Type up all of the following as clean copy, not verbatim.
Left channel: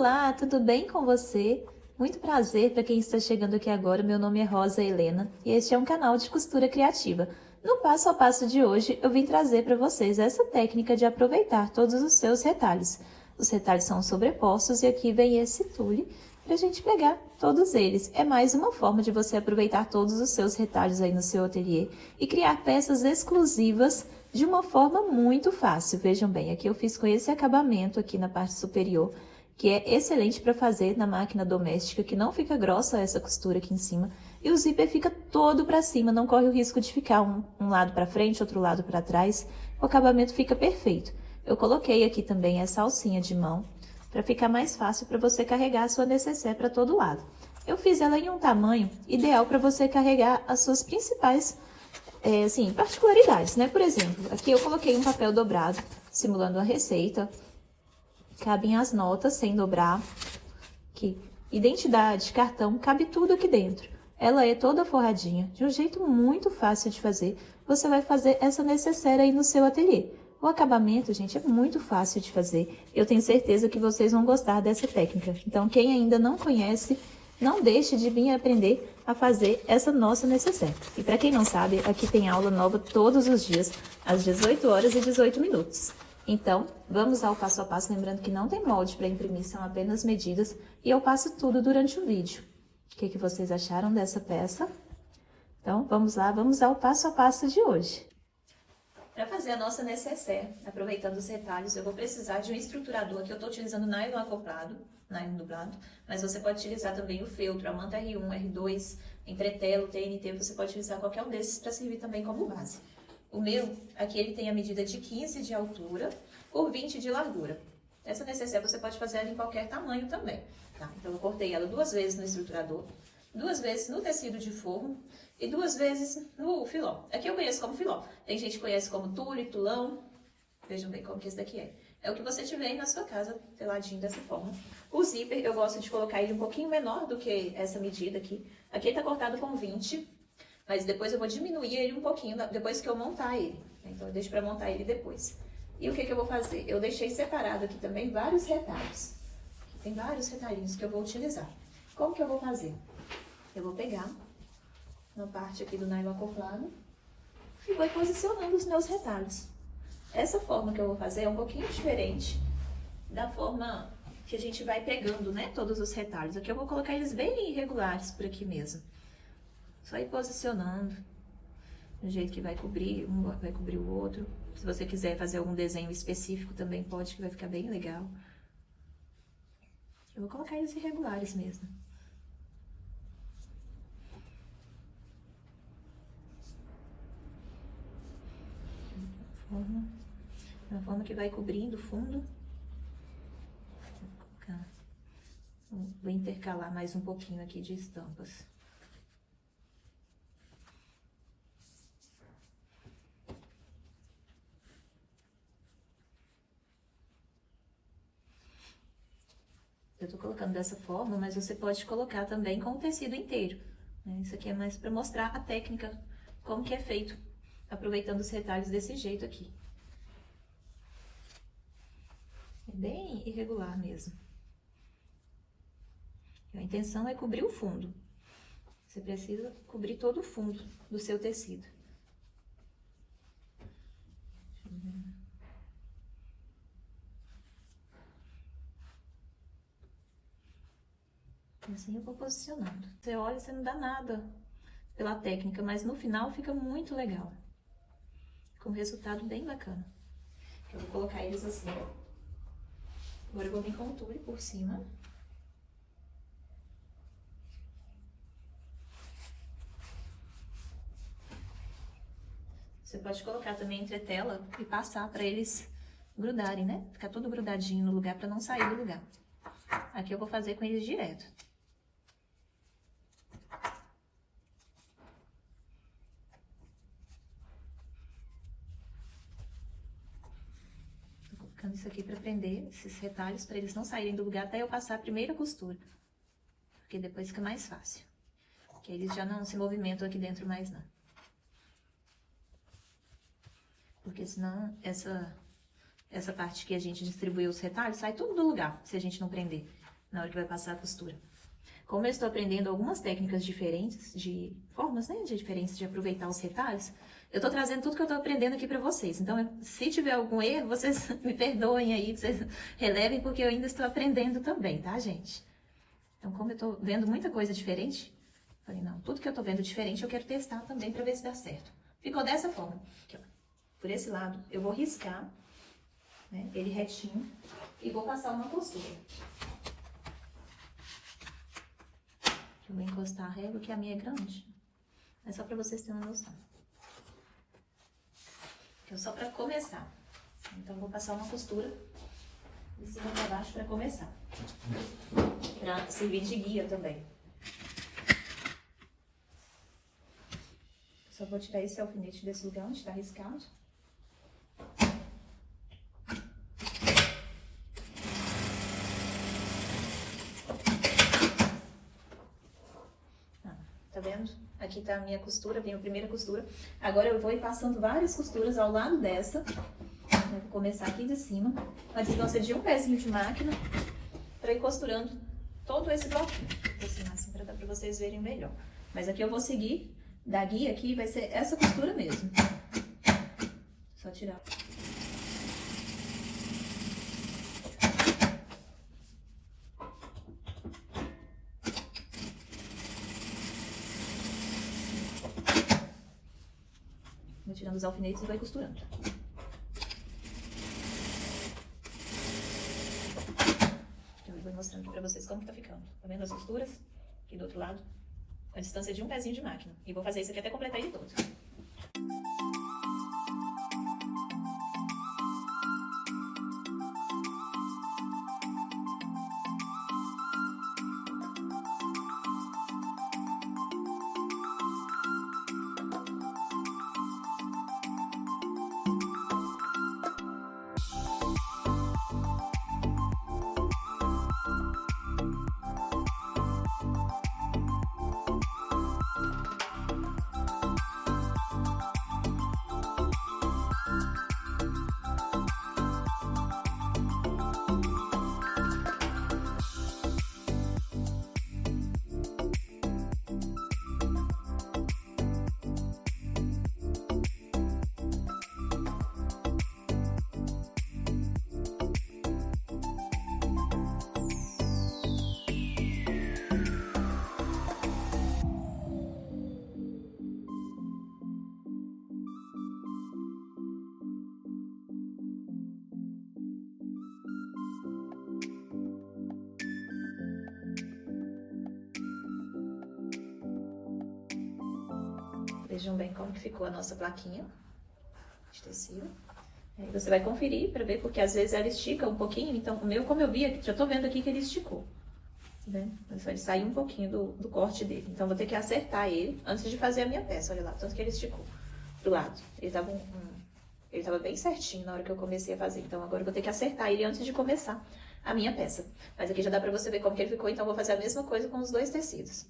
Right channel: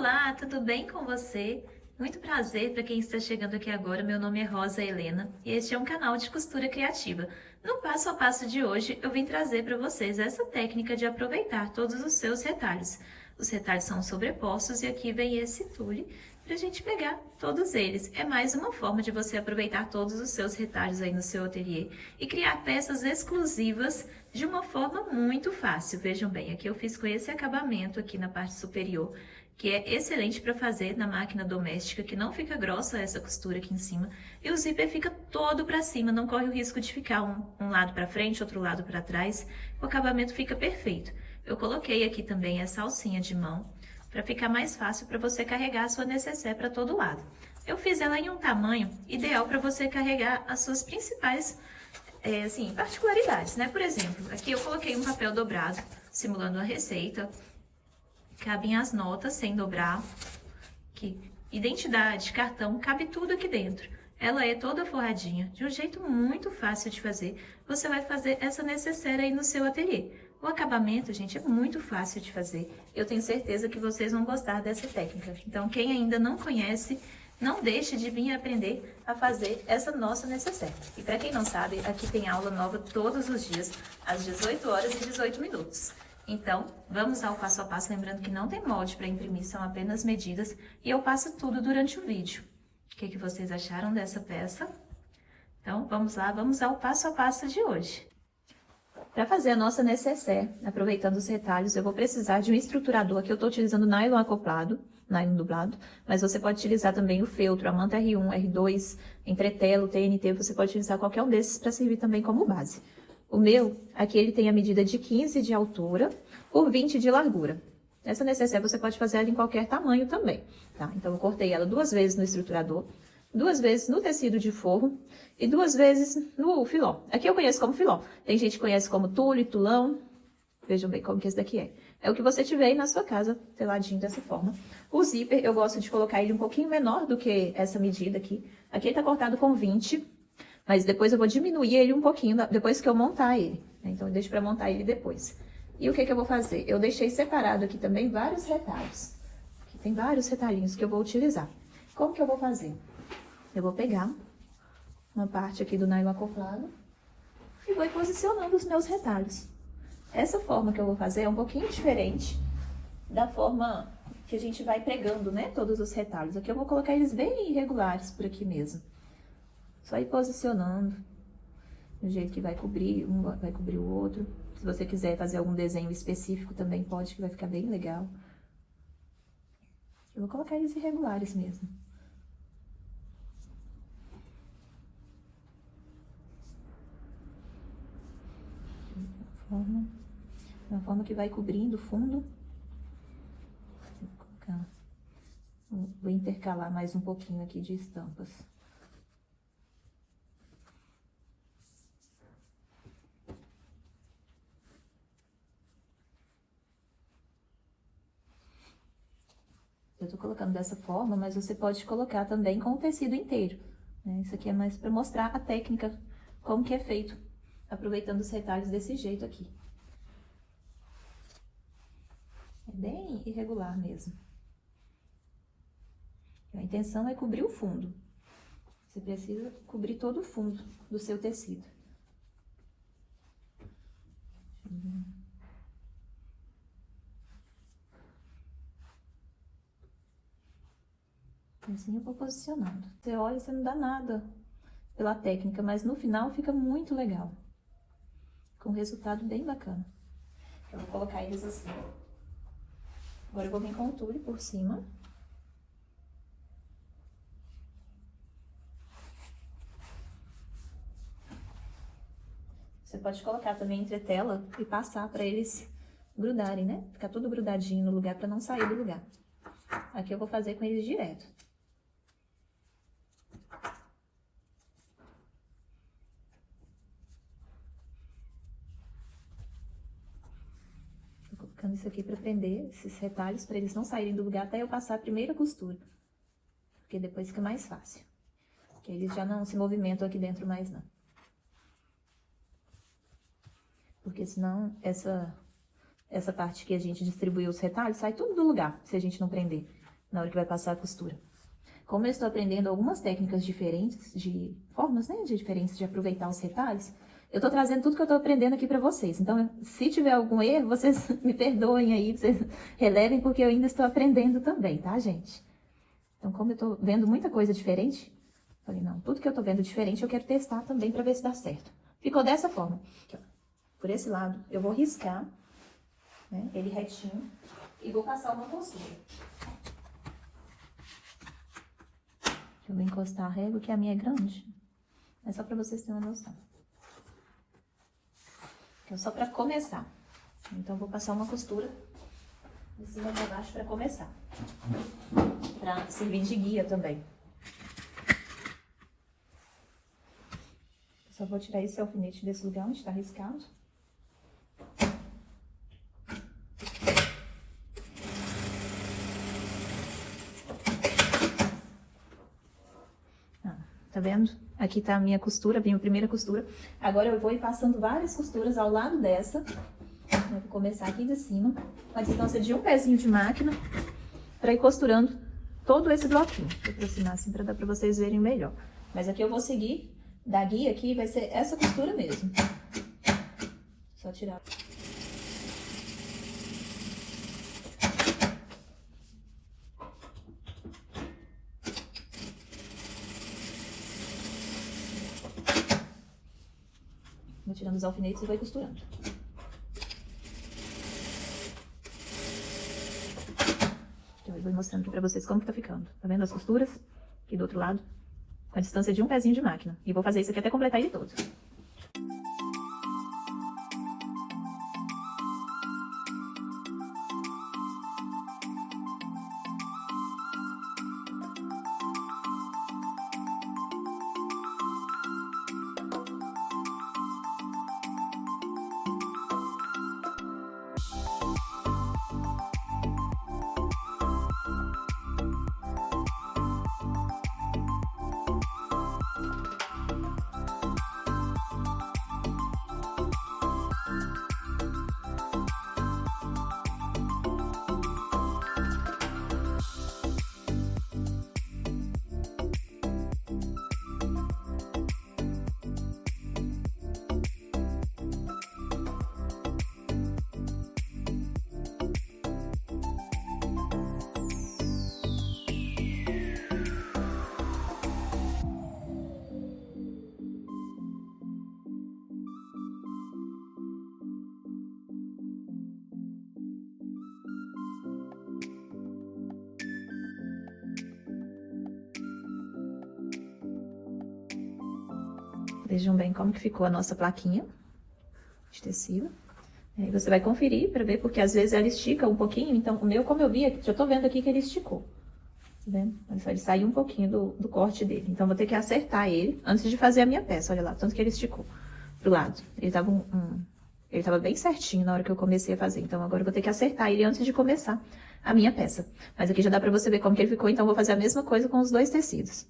Olá, tudo bem com você? Muito prazer para quem está chegando aqui agora, meu nome é Rosa Helena e este é um canal de costura criativa. No passo a passo de hoje, eu vim trazer para vocês essa técnica de aproveitar todos os seus retalhos. Os retalhos são sobrepostos e aqui vem esse tule para a gente pegar todos eles. É mais uma forma de você aproveitar todos os seus retalhos aí no seu ateliê e criar peças exclusivas de uma forma muito fácil. Vejam bem, aqui eu fiz com esse acabamento aqui na parte superior, que é excelente para fazer na máquina doméstica, que não fica grossa essa costura aqui em cima, e o zíper fica todo para cima, não corre o risco de ficar um lado para frente, outro lado para trás, o acabamento fica perfeito. Eu coloquei aqui também essa alcinha de mão, para ficar mais fácil para você carregar a sua nécessaire para todo lado. Eu fiz ela em um tamanho ideal para você carregar as suas principais particularidades, né? Por exemplo, aqui eu coloquei um papel dobrado, simulando a receita. Cabem as notas sem dobrar. Aqui, identidade, cartão, cabe tudo aqui dentro. Ela é toda forradinha, de um jeito muito fácil de fazer. Você vai fazer essa nécessaire aí no seu ateliê. O acabamento, gente, é muito fácil de fazer. Eu tenho certeza que vocês vão gostar dessa técnica. Então, quem ainda não conhece, não deixe de vir aprender a fazer essa nossa nécessaire. E para quem não sabe, aqui tem aula nova todos os dias, às 18 horas e 18 minutos. Então, vamos ao passo a passo, lembrando que não tem molde para imprimir, são apenas medidas, e eu passo tudo durante o vídeo. O que vocês acharam dessa peça? Então, vamos lá, vamos ao passo a passo de hoje. Para fazer a nossa nécessaire, aproveitando os retalhos, eu vou precisar de um estruturador. Aqui eu estou utilizando nylon acoplado, nylon dublado, mas você pode utilizar também o feltro, a manta R1, R2, entretelo, TNT, você pode utilizar qualquer um desses para servir também como base. O meu, aqui ele tem a medida de 15 de altura por 20 de largura. Essa nécessaire você pode fazer ela em qualquer tamanho também, tá? Então, eu cortei ela 2 vezes no estruturador, 2 vezes no tecido de forro e 2 vezes no filó. Aqui eu conheço como filó. Tem gente que conhece como tule, tulão. Vejam bem como que esse daqui é. É o que você tiver aí na sua casa, peladinho dessa forma. O zíper, eu gosto de colocar ele um pouquinho menor do que essa medida aqui. Aqui ele tá cortado com 20, mas depois eu vou diminuir ele um pouquinho depois que eu montar ele. Então, eu deixo pra montar ele depois. E o que eu vou fazer? Eu deixei separado aqui também vários retalhos. Aqui tem vários retalhinhos que eu vou utilizar. Como que eu vou fazer? Eu vou pegar uma parte aqui do nylon acoplado e vou posicionando os meus retalhos. Essa forma que eu vou fazer é um pouquinho diferente da forma que a gente vai pregando, né, todos os retalhos. Aqui eu vou colocar eles bem irregulares por aqui mesmo. Só ir posicionando, do jeito que vai cobrir, um vai cobrir o outro. Se você quiser fazer algum desenho específico também pode, que vai ficar bem legal. Eu vou colocar eles irregulares mesmo. Uma forma que vai cobrindo o fundo. Vou intercalar mais um pouquinho aqui de estampas. Eu tô colocando dessa forma, mas você pode colocar também com o tecido inteiro, né? Isso aqui é mais para mostrar a técnica, como que é feito, aproveitando os retalhos desse jeito aqui. É bem irregular mesmo. A intenção é cobrir o fundo. Você precisa cobrir todo o fundo do seu tecido. Assim eu vou posicionando. Você olha, você não dá nada pela técnica, mas no final fica muito legal. Com um resultado bem bacana. Eu vou colocar eles assim. Agora eu vou vir com o tule por cima. Você pode colocar também entretela e passar para eles grudarem, né? Ficar tudo grudadinho no lugar para não sair do lugar. Aqui eu vou fazer com eles direto. Tô colocando isso aqui para prender esses retalhos, para eles não saírem do lugar até eu passar a primeira costura. Porque depois fica mais fácil. Porque eles já não se movimentam aqui dentro mais, não. Porque senão essa parte que a gente distribuiu os retalhos, sai tudo do lugar, se a gente não prender, na hora que vai passar a costura. Como eu estou aprendendo algumas técnicas diferentes, de formas, né, diferentes de aproveitar os retalhos, eu estou trazendo tudo que eu estou aprendendo aqui para vocês. Então, se tiver algum erro, vocês me perdoem aí, vocês relevem, porque eu ainda estou aprendendo também, tá, gente? Então, como eu estou vendo muita coisa diferente, falei, não, tudo que eu estou vendo diferente eu quero testar também para ver se dá certo. Ficou dessa forma. Aqui, ó. Por esse lado, eu vou riscar, né, ele retinho e vou passar uma costura. Eu vou encostar a régua, que a minha é grande. É só para vocês terem uma noção. É só para começar. Então, eu vou passar uma costura de cima para baixo para começar. Para servir de guia também. Só vou tirar esse alfinete desse lugar onde está riscado. Tá vendo? Aqui tá a minha costura, a minha primeira costura. Agora eu vou ir passando várias costuras ao lado dessa. Vou começar aqui de cima, com a distância de um pezinho de máquina, para ir costurando todo esse bloquinho. Vou aproximar assim para dar para vocês verem melhor. Mas aqui eu vou seguir da guia aqui, vai ser essa costura mesmo. Só tirar. Vai tirando os alfinetes e vai costurando. Eu vou mostrando aqui pra vocês como que tá ficando. Tá vendo as costuras? Aqui do outro lado. Com a distância de um pezinho de máquina. E vou fazer isso aqui até completar ele todo. Vejam bem como que ficou a nossa plaquinha de tecido. Aí você vai conferir para ver, porque às vezes ela estica um pouquinho. Então, o meu, como eu vi, já tô vendo aqui que ele esticou. Tá vendo? Então, ele saiu um pouquinho do corte dele. Então, vou ter que acertar ele antes de fazer a minha peça. Olha lá, tanto que ele esticou pro lado. Ele tava bem certinho na hora que eu comecei a fazer. Então, agora eu vou ter que acertar ele antes de começar a minha peça. Mas aqui já dá pra você ver como que ele ficou. Então, eu vou fazer a mesma coisa com os dois tecidos.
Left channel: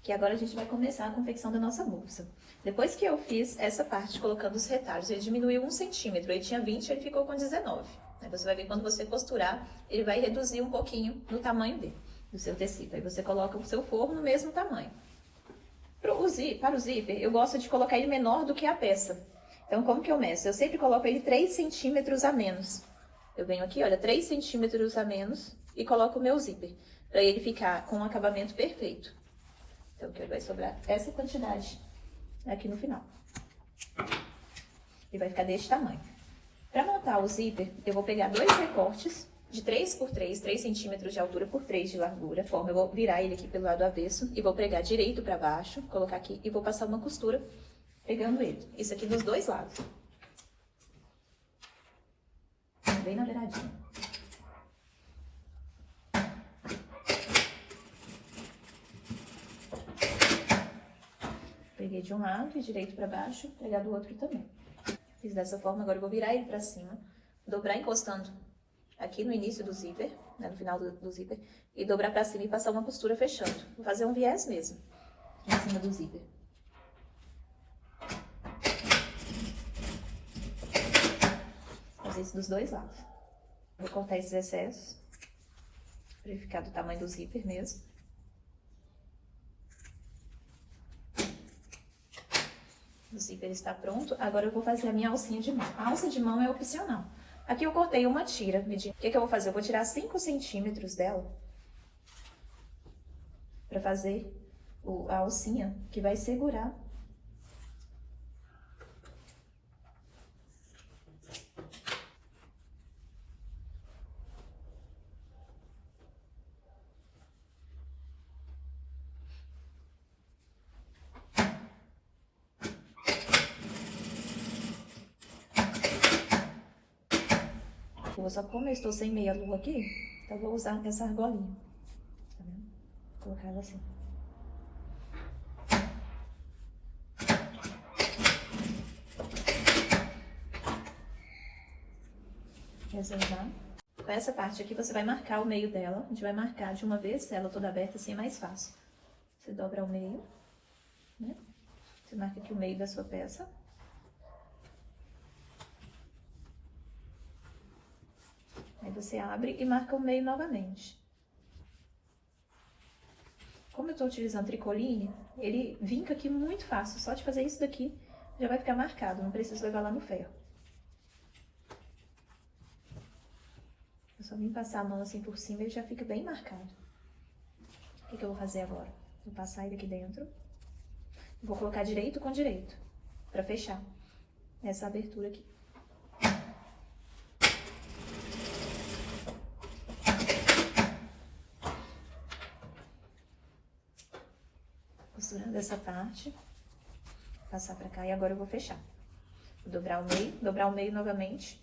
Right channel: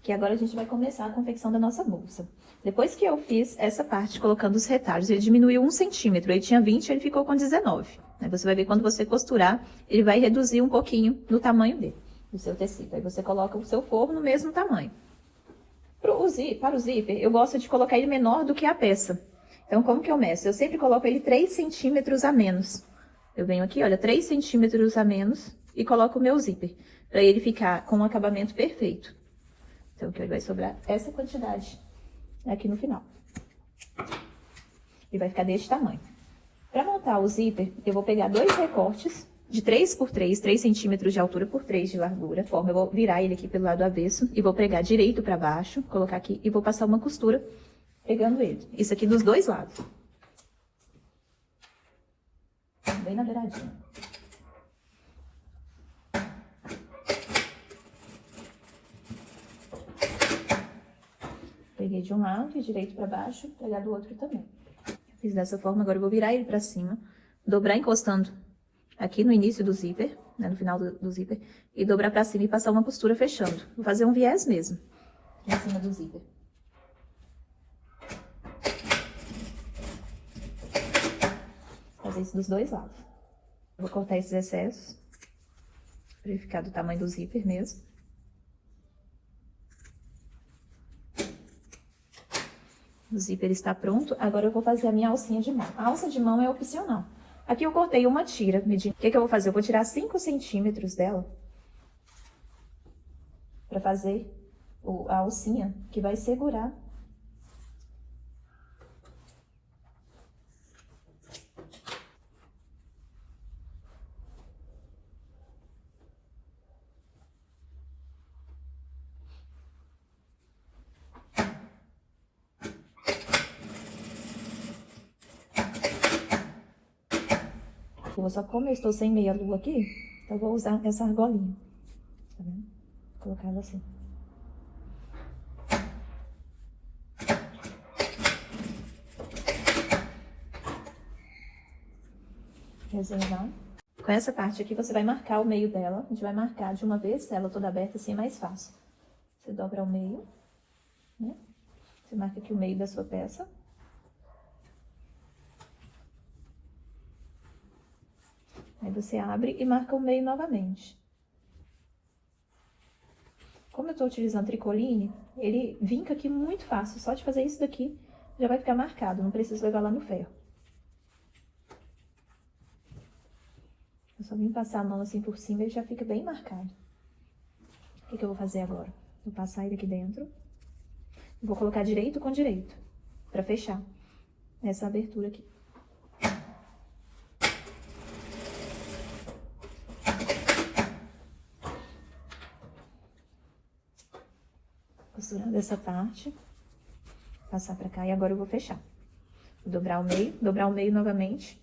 Que agora a gente vai começar a confecção da nossa bolsa. Depois que eu fiz essa parte, colocando os retalhos, ele diminuiu 1 centímetro. Ele tinha 20, ele ficou com 19. Aí você vai ver quando você costurar, ele vai reduzir um pouquinho no tamanho dele, do seu tecido. Aí você coloca o seu forro no mesmo tamanho. Para o zíper, eu gosto de colocar ele menor do que a peça. Então, como que eu meço? Eu sempre coloco ele 3 centímetros a menos. Eu venho aqui, olha, 3 centímetros a menos e coloco o meu zíper, para ele ficar com um acabamento perfeito. Então, que vai sobrar essa quantidade aqui no final. E vai ficar desse tamanho. Para montar o zíper, eu vou pegar 2 recortes de 3 por 3, 3 centímetros de altura por 3 de largura. Eu vou virar ele aqui pelo lado avesso e vou pregar direito para baixo, colocar aqui e vou passar uma costura pegando ele. Isso aqui dos dois lados. Bem na beiradinha. Peguei de um lado e direito para baixo, pegar do outro também. Fiz dessa forma, agora eu vou virar ele para cima, dobrar encostando aqui no início do zíper, né, no final do zíper, e dobrar para cima e passar uma costura fechando. Vou fazer um viés mesmo, em cima do zíper. fazer isso dos dois lados. Vou cortar esses excessos, para ele ficar do tamanho do zíper mesmo. O zíper está pronto. Agora eu vou fazer a minha alcinha de mão. A alça de mão é opcional. Aqui eu cortei uma tira. O que eu vou fazer? Eu vou tirar 5 centímetros dela para fazer a alcinha que vai segurar. Só como eu estou sem meia lua aqui, eu vou usar essa argolinha, tá vendo? Vou colocar ela assim. Reservar. Com essa parte aqui, você vai marcar o meio dela. A gente vai marcar de uma vez, ela toda aberta, assim é mais fácil. Você dobra o meio, né? Você marca aqui o meio da sua peça. Aí você abre e marca o meio novamente. Como eu tô utilizando tricoline, ele vinca aqui muito fácil. Só de fazer isso daqui, já vai ficar marcado. Não preciso levar lá no ferro. Eu só vim passar a mão assim por cima e ele já fica bem marcado. O que eu vou fazer agora? Vou passar ele aqui dentro. Vou colocar direito com direito, pra fechar essa abertura aqui. Costurando essa parte, passar pra cá e agora eu vou fechar. Vou dobrar o meio novamente,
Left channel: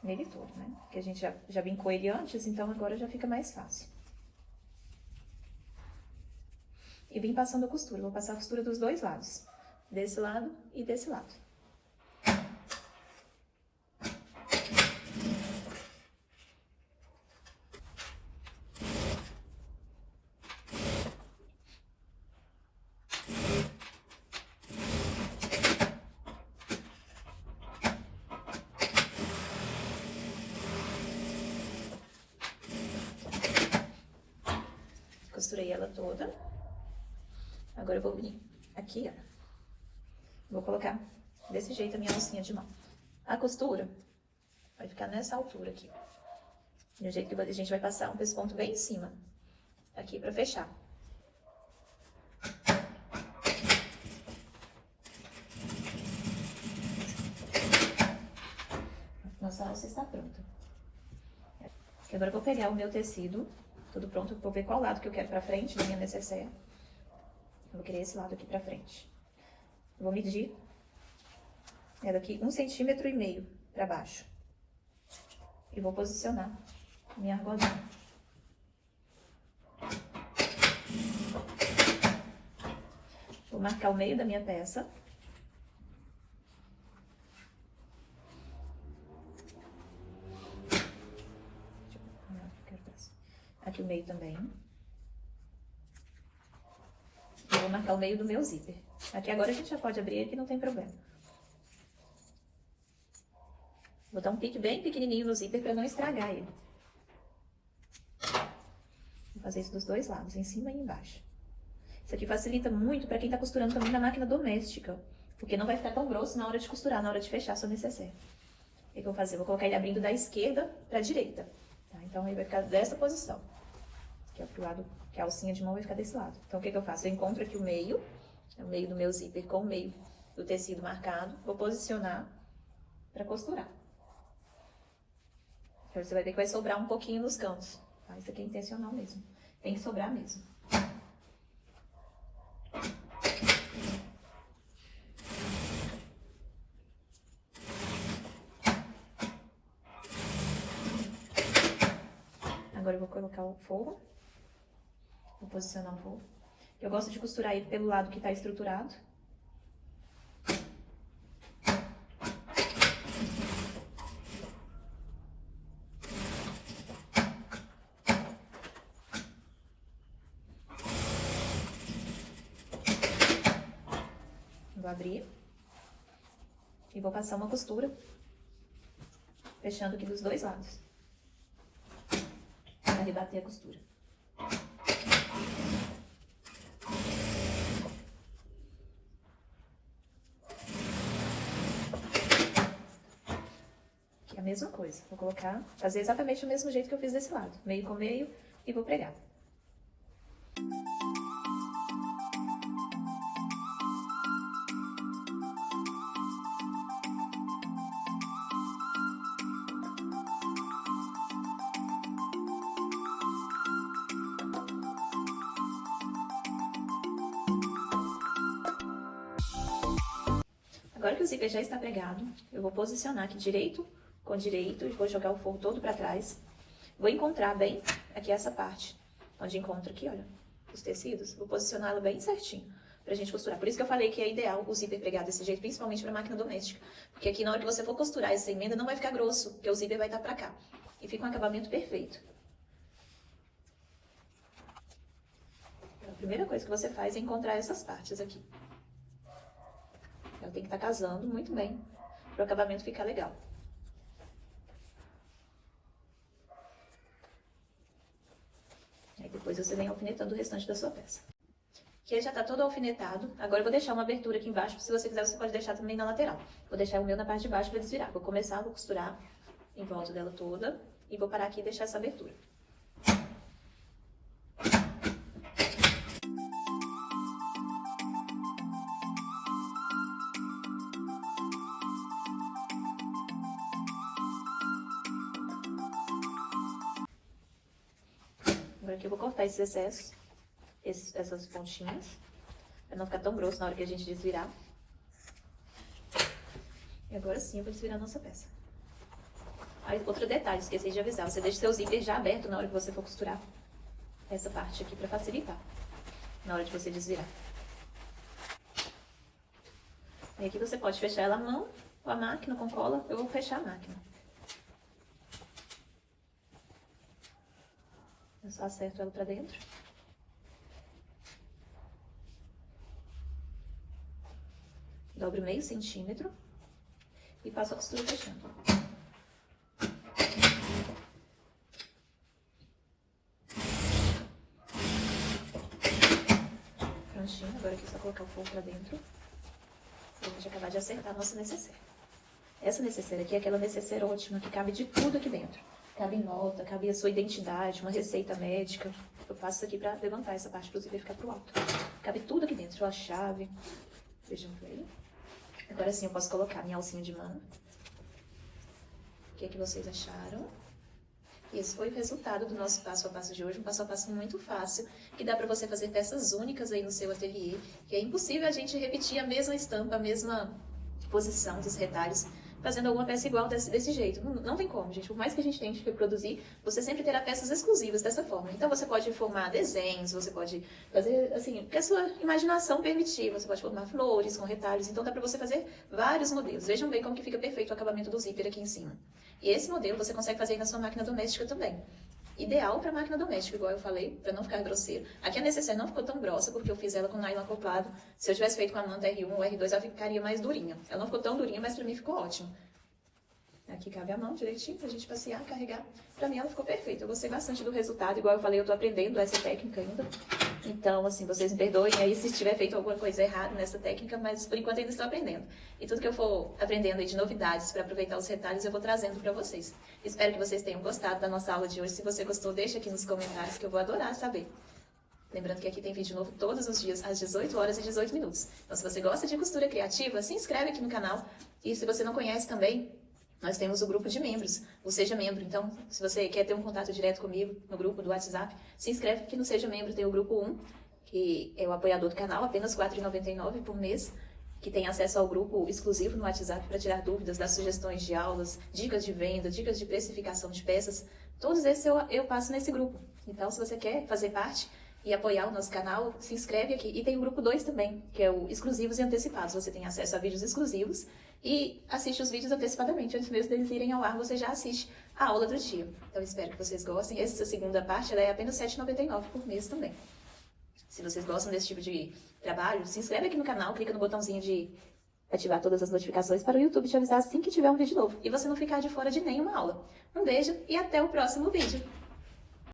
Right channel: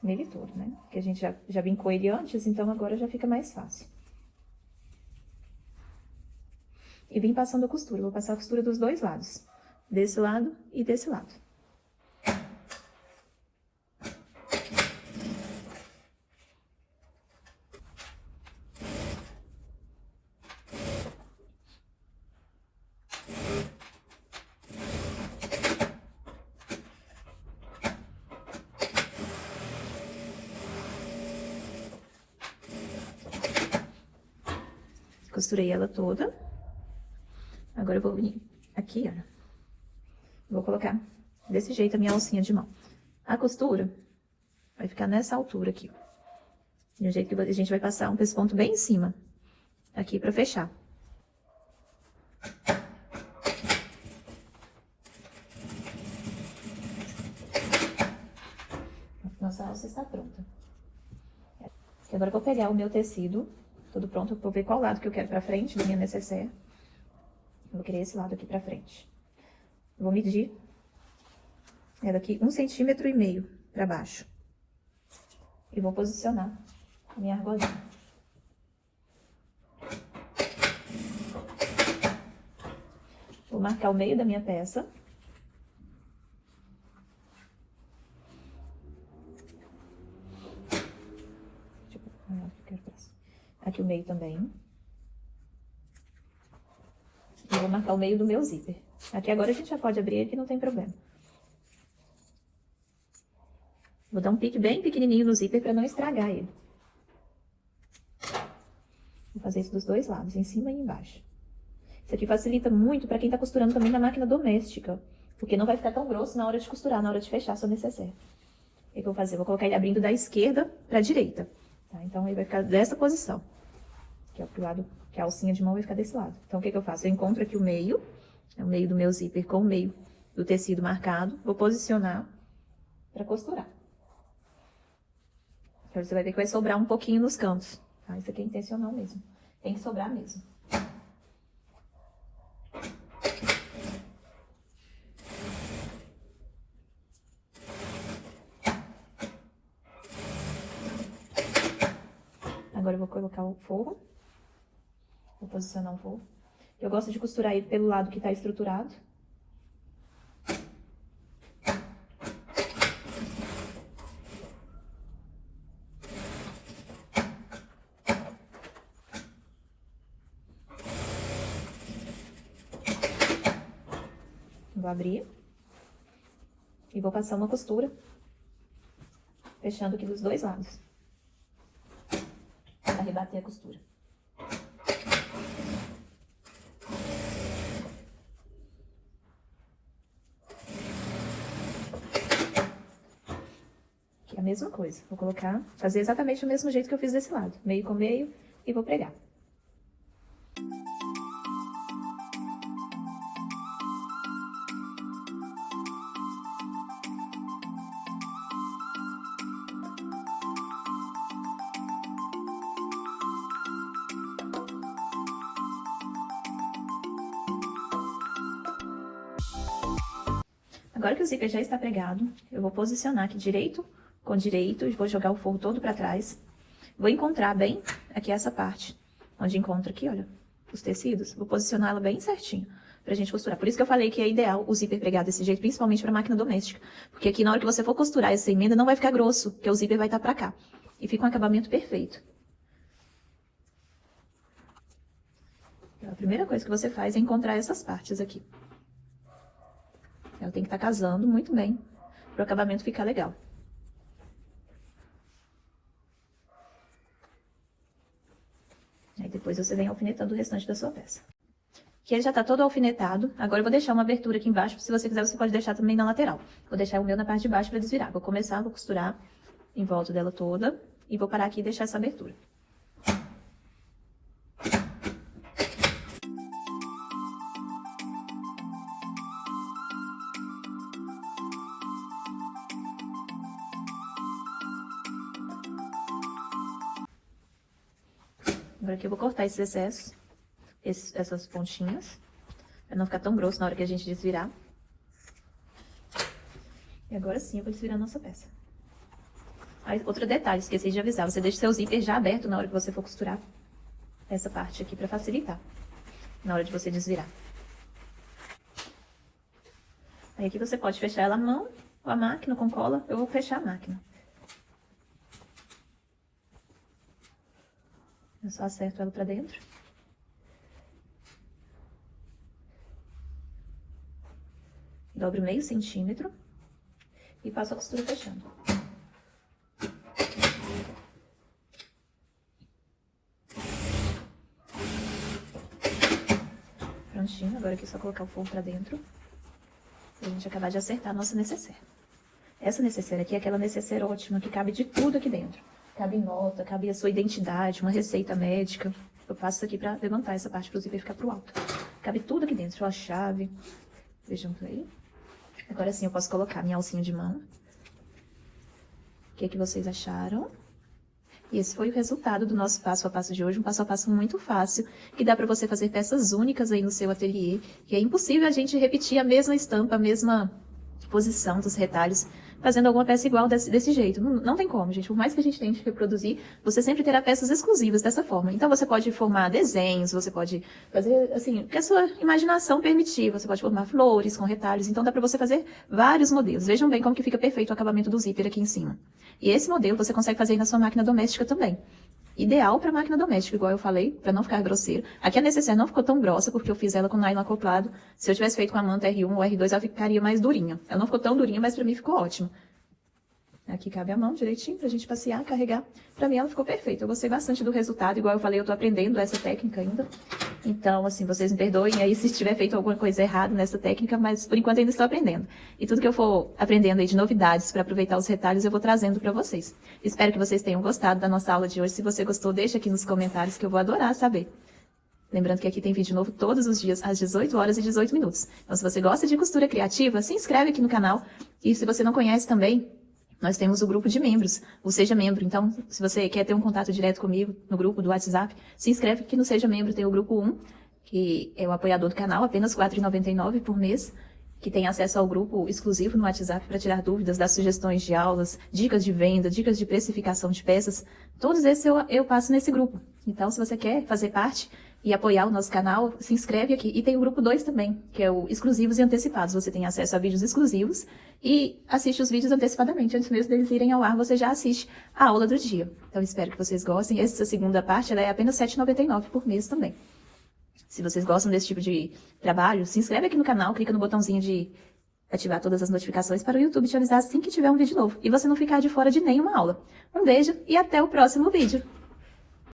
nele todo, né? Porque a gente já vincou ele antes, então agora já fica mais fácil. E vim passando a costura, vou passar a costura dos dois lados, desse lado e desse lado. Costurei ela toda. Agora eu vou vir aqui, ó. Vou colocar desse jeito a minha alcinha de mão. A costura vai ficar nessa altura aqui. De um jeito que a gente vai passar um pesponto bem em cima. Aqui pra fechar. Nossa alça está pronta. Agora eu vou pegar o meu tecido, tudo pronto, vou ver qual lado que eu quero pra frente da minha necessaire. Vou querer esse lado aqui pra frente. Vou medir ela aqui 1,5 centímetro pra baixo. E vou posicionar a minha argolinha. Vou marcar o meio da minha peça. Aqui o meio também. Eu vou marcar o meio do meu zíper. Aqui agora a gente já pode abrir ele, que não tem problema. Vou dar um pique bem pequenininho no zíper para não estragar ele. Vou fazer isso dos dois lados, em cima e embaixo. Isso aqui facilita muito para quem tá costurando também na máquina doméstica, porque não vai ficar tão grosso na hora de costurar, na hora de fechar sua necessaire. O que eu vou fazer? Eu vou colocar ele abrindo da esquerda para a direita. Tá? Então ele vai ficar dessa posição. Que é pro lado, que a alcinha de mão vai ficar desse lado. Então, o que eu faço? Eu encontro aqui o meio do meu zíper com o meio do tecido marcado, vou posicionar para costurar. Então, você vai ver que vai sobrar um pouquinho nos cantos, tá? Isso aqui é intencional mesmo, tem que sobrar mesmo. Agora eu vou colocar o forro. Vou posicionar o forro. Eu gosto de costurar ele pelo lado que tá estruturado. Vou abrir. E vou passar uma costura fechando aqui dos dois lados, para rebater a costura. Aqui é a mesma coisa, vou colocar, fazer exatamente o mesmo jeito que eu fiz desse lado, meio com meio, e vou pregar. Agora que o zíper já está pregado, eu vou posicionar aqui direito com direito e vou jogar o forro todo para trás. Vou encontrar bem aqui essa parte, onde encontra aqui, olha, os tecidos. Vou posicionar ela bem certinho pra gente costurar. Por isso que eu falei que é ideal o zíper pregar desse jeito, principalmente pra máquina doméstica. Porque aqui na hora que você for costurar essa emenda não vai ficar grosso, porque o zíper vai estar pra cá. E fica um acabamento perfeito. A primeira coisa que você faz é encontrar essas partes aqui. Ela tem que estar casando muito bem para o acabamento ficar legal. Aí depois você vem alfinetando o restante da sua peça. Aqui ele já tá todo alfinetado. Agora eu vou deixar uma abertura aqui embaixo. Se você quiser, você pode deixar também na lateral. Vou deixar o meu na parte de baixo para desvirar. Vou começar, vou costurar em volta dela toda. E vou parar aqui e deixar essa abertura. Agora aqui eu vou cortar esses excessos, essas pontinhas, pra não ficar tão grosso na hora que a gente desvirar. E agora sim eu vou desvirar a nossa peça. Aí, outro detalhe, esqueci de avisar, você deixa seu zíper já aberto na hora que você for costurar essa parte aqui pra facilitar, na hora de você desvirar. Aí aqui você pode fechar ela à mão ou a máquina com cola, eu vou fechar a máquina. Eu só acerto ela pra dentro. Dobro meio centímetro e passo a costura fechando. Prontinho, agora aqui é só colocar o forro pra dentro. E a gente acabar de acertar a nossa necessaire. Essa necessaire aqui é aquela necessaire ótima que cabe de tudo aqui dentro. Cabe nota, cabe a sua identidade, uma receita médica. Eu faço isso aqui pra levantar essa parte pro zíper ficar pro alto. Cabe tudo aqui dentro, a chave. Vejam aí. Agora sim eu posso colocar minha alcinha de mão. O que é que vocês acharam? E esse foi o resultado do nosso passo a passo de hoje. Um passo a passo muito fácil, que dá pra você fazer peças únicas aí no seu ateliê. Que é impossível a gente repetir a mesma estampa, a mesma posição dos retalhos, fazendo alguma peça igual desse jeito. Não tem como, gente. Por mais que a gente tente reproduzir, você sempre terá peças exclusivas dessa forma. Então, você pode formar desenhos, você pode fazer, assim, o que a sua imaginação permitir. Você pode formar flores com retalhos. Então, dá pra você fazer vários modelos. Vejam bem como que fica perfeito o acabamento do zíper aqui em cima. E esse modelo você consegue fazer aí na sua máquina doméstica também. Ideal para máquina doméstica, igual eu falei, para não ficar grosseiro. Aqui a necessaire não ficou tão grossa, porque eu fiz ela com nylon acoplado. Se eu tivesse feito com a manta R1 ou R2, ela ficaria mais durinha. Ela não ficou tão durinha, mas para mim ficou ótimo. Aqui cabe a mão direitinho pra gente passear, carregar. Pra mim ela ficou perfeita. Eu gostei bastante do resultado. Igual eu falei, eu tô aprendendo essa técnica ainda. Então, assim, vocês me perdoem aí se tiver feito alguma coisa errada nessa técnica, mas por enquanto ainda estou aprendendo. E tudo que eu for aprendendo aí de novidades para aproveitar os retalhos, eu vou trazendo pra vocês. Espero que vocês tenham gostado da nossa aula de hoje. Se você gostou, deixa aqui nos comentários que eu vou adorar saber. Lembrando que aqui tem vídeo novo todos os dias, às 18 horas e 18 minutos. Então, se você gosta de costura criativa, se inscreve aqui no canal. E se você não conhece também, nós temos o grupo de membros, o Seja Membro. Então, se você quer ter um contato direto comigo no grupo do WhatsApp, se inscreve aqui no Seja Membro. Tem o grupo 1, que é o apoiador do canal, apenas R$ 4,99 por mês, que tem acesso ao grupo exclusivo no WhatsApp para tirar dúvidas, dar sugestões de aulas, dicas de venda, dicas de precificação de peças. Todos esses eu passo nesse grupo. Então, se você quer fazer parte e apoiar o nosso canal, se inscreve aqui. E tem o grupo 2 também, que é o Exclusivos e Antecipados. Você tem acesso a vídeos exclusivos e assiste os vídeos antecipadamente. Antes mesmo deles irem ao ar, você já assiste a aula do dia. Então, espero que vocês gostem. Essa segunda parte ela é apenas R$ 7,99 por mês também. Se vocês gostam desse tipo de trabalho, se inscreve aqui no canal, clica no botãozinho de ativar todas as notificações para o YouTube te avisar assim que tiver um vídeo novo e você não ficar de fora de nenhuma aula. Um beijo e até o próximo vídeo!